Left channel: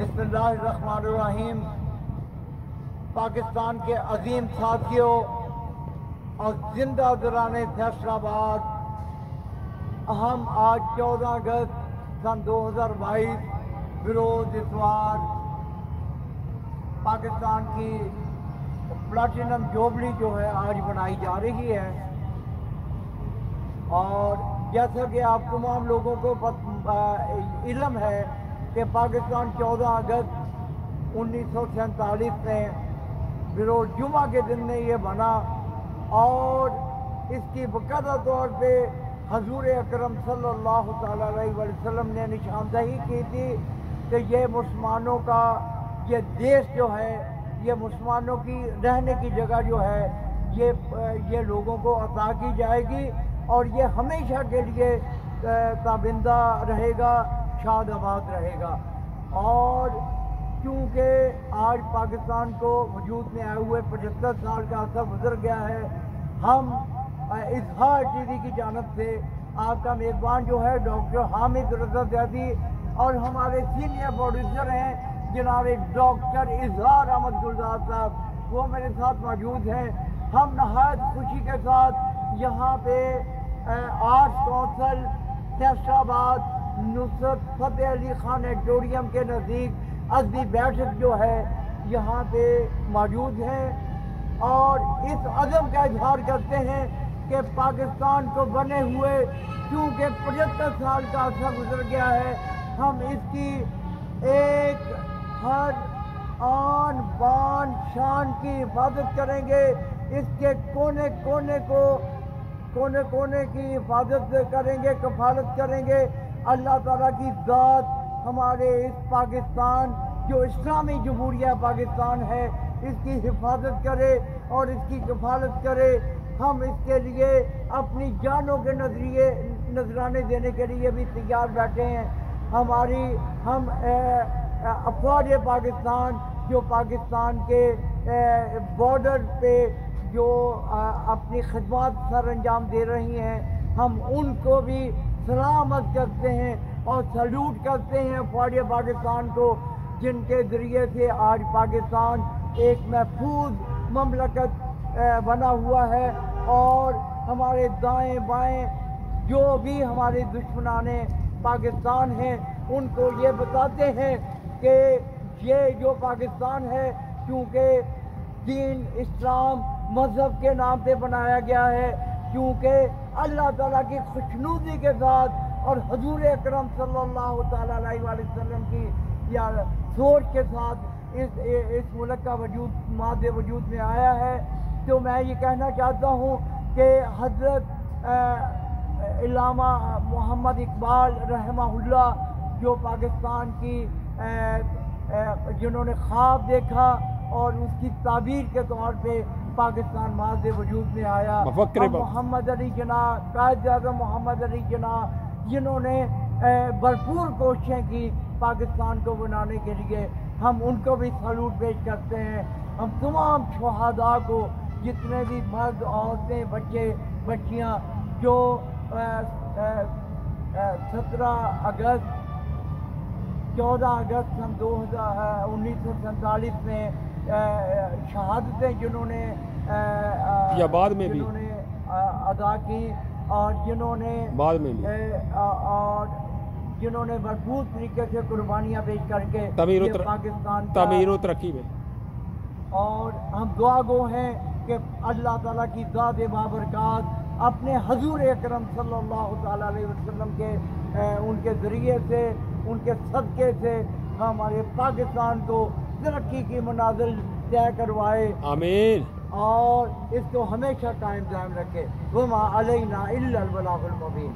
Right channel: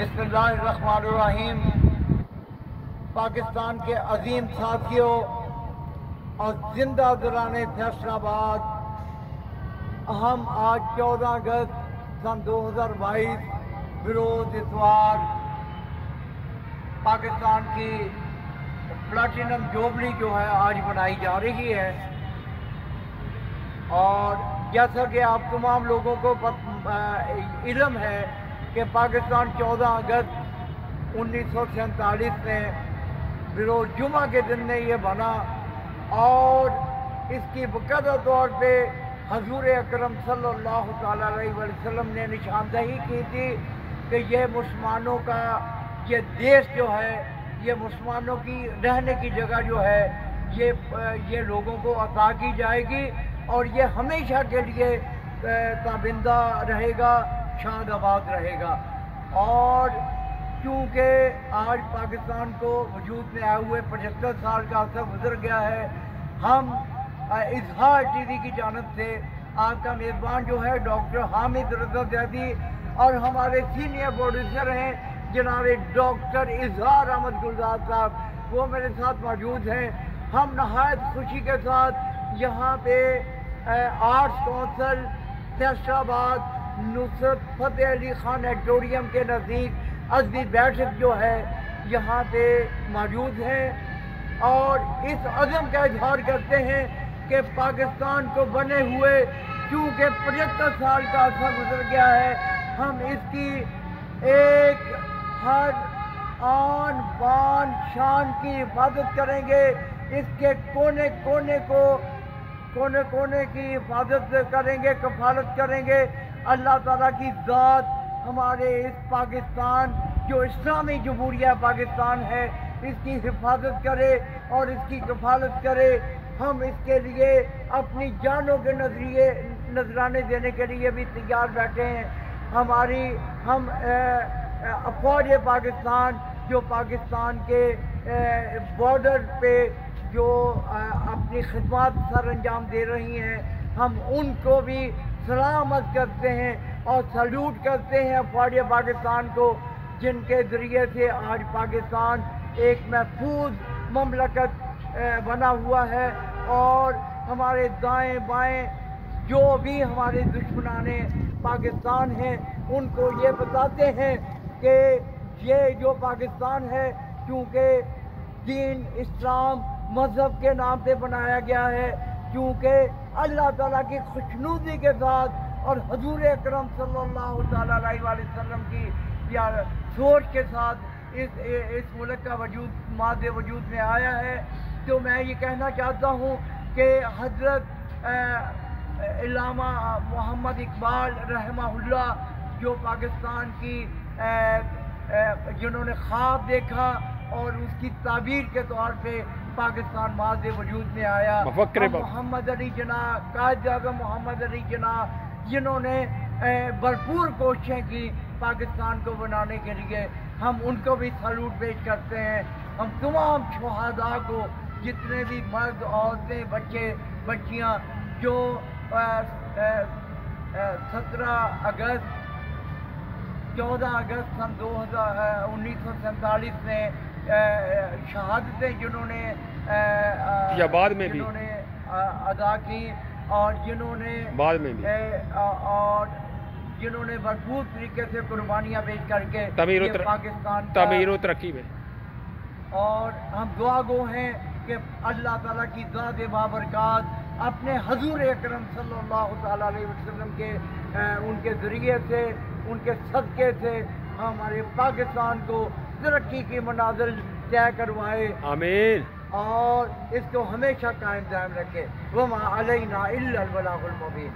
बिस्मिल्लाहिर्रहमानिर्रहीम। पाकिस्तान के अजीम साथियों और जिंदा दिलाने फैसलाबाद, हम आज 14 अगस्त सन 2022 बरोज इतवार पाकिस्तान की प्लाटिनम जुबली जो है आज बनाई जा रही है। और जैसा कि आप तमाम लोगों को इल्म है कि पाकिस्तान 14 अगस्त 1947 में बरोज जुमा के दिन में ये बना और इसकी बकायदा तौर पे हजूर अकरम सल्लल्लाहु अलैहि वसल्लम ने निशानदही की थी कि ये मुसलमानों का ये देश जो है, ये मुसलमानों की रहने की जगह जो है, ये लोगों को अता की जाएगी और ये हमेशा के लिए ताबिंदा रहेगा, शादाबाद रहेगा। और क्योंकि आज पाकिस्तान को वजूद में आए हुए 75 साल का अर्सा गुजर गया है, हम इजहार टीवी की जानब से आपका मेज़बान जो है डॉक्टर हामिद रज़ा ज़ैदी और हमारे सीनियर प्रोड्यूसर हैं जनाब डॉक्टर इजहार अहमद गुलजार साहब, वो मेरे साथ मौजूद हैं। हम नहायत खुशी के साथ यहाँ पे arts council Faisalabad Nusrat Fateh Ali Khan auditorium के नज़दीक अज़मी बैठक जो है यहाँ पे मौजूद हैं और इस अज़म का इजहार करते हैं कि पाकिस्तान को बने हुए क्योंकि 75 साल का अर्सा गुजर गया है, हम इसकी एक हर आन बान शान की हिफाजत करेंगे, इसके कोने कोने की हिफाजत करेंगे, कफालत करेंगे। अल्लाह ताला की ज़ात हमारे इस पाकिस्तान जो इस्लामी जमहूरिया पाकिस्तान है इसकी हिफाजत करे और इसकी कफालत करे। हम इसके लिए अपनी जानों के नजराने देने के लिए भी तैयार बैठे हैं। हम अफवाज पाकिस्तान जो पाकिस्तान के बॉर्डर पे जो अपनी खिदमत सर अंजाम दे रही हैं, हम उनको भी सलामत करते हैं और सल्यूट करते हैं अफवाज पाकिस्तान को, जिनके ज़रिए से आज पाकिस्तान एक महफूज ममलकत बना हुआ है। और हमारे दाएं बाएं जो भी हमारे दुश्मनाने पाकिस्तान हैं उनको ये बताते हैं कि ये जो पाकिस्तान है क्योंकि दीन इस्लाम मज़हब के नाम पे बनाया गया है, क्योंकि अल्लाह ताला की खुशनुदी के साथ और हजूर अकरम सल्लल्लाहु अलैहि वसल्लम की यार सोच के साथ इस मुल्क का वजूद में आया है। तो मैं ये कहना चाहता हूँ कि हज़रत इल्लामा मोहम्मद इकबाल रहमहुल्लाह जो पाकिस्तान की जिन्होंने ख्वाब देखा और उसकी ताबीर के तौर पे पाकिस्तान माज़ वजूद में आया, मोहम्मद अली जना, कायद आज़म मोहम्मद अली जना, जिन्होंने भरपूर कोशिशें की पाकिस्तान को बनाने के लिए, हम उनको भी सैल्यूट पेश करते हैं। हम तमाम शहादा को, जितने भी मर्द औरतें बच्चे बच्चियाँ जो 17 अगस्त 14 अगस्त सन 1947 में शहादतें जिन्होंने या बाद में भी अदा की और जिन्होंने बाद में भी और जिन्होंने भरपूर तरीके से कुर्बानियाँ पेश करके पाकिस्तान तमीर तरक्की में, और हम दुआ गो हैं कि अल्लाह ताला की ज़ात बाबरकात अपने हजूर अकरम सल्लल्लाहु अलैहि वसल्लम के उनके ज़रिए से, उनके सदक़े से हमारे पाकिस्तान को तरक्की की मनाज़िल तय करवाए। आमीन। और इसको हमेशा कायम दायम रखे। वमा अलैना इल्लल बलागुल मुबीन।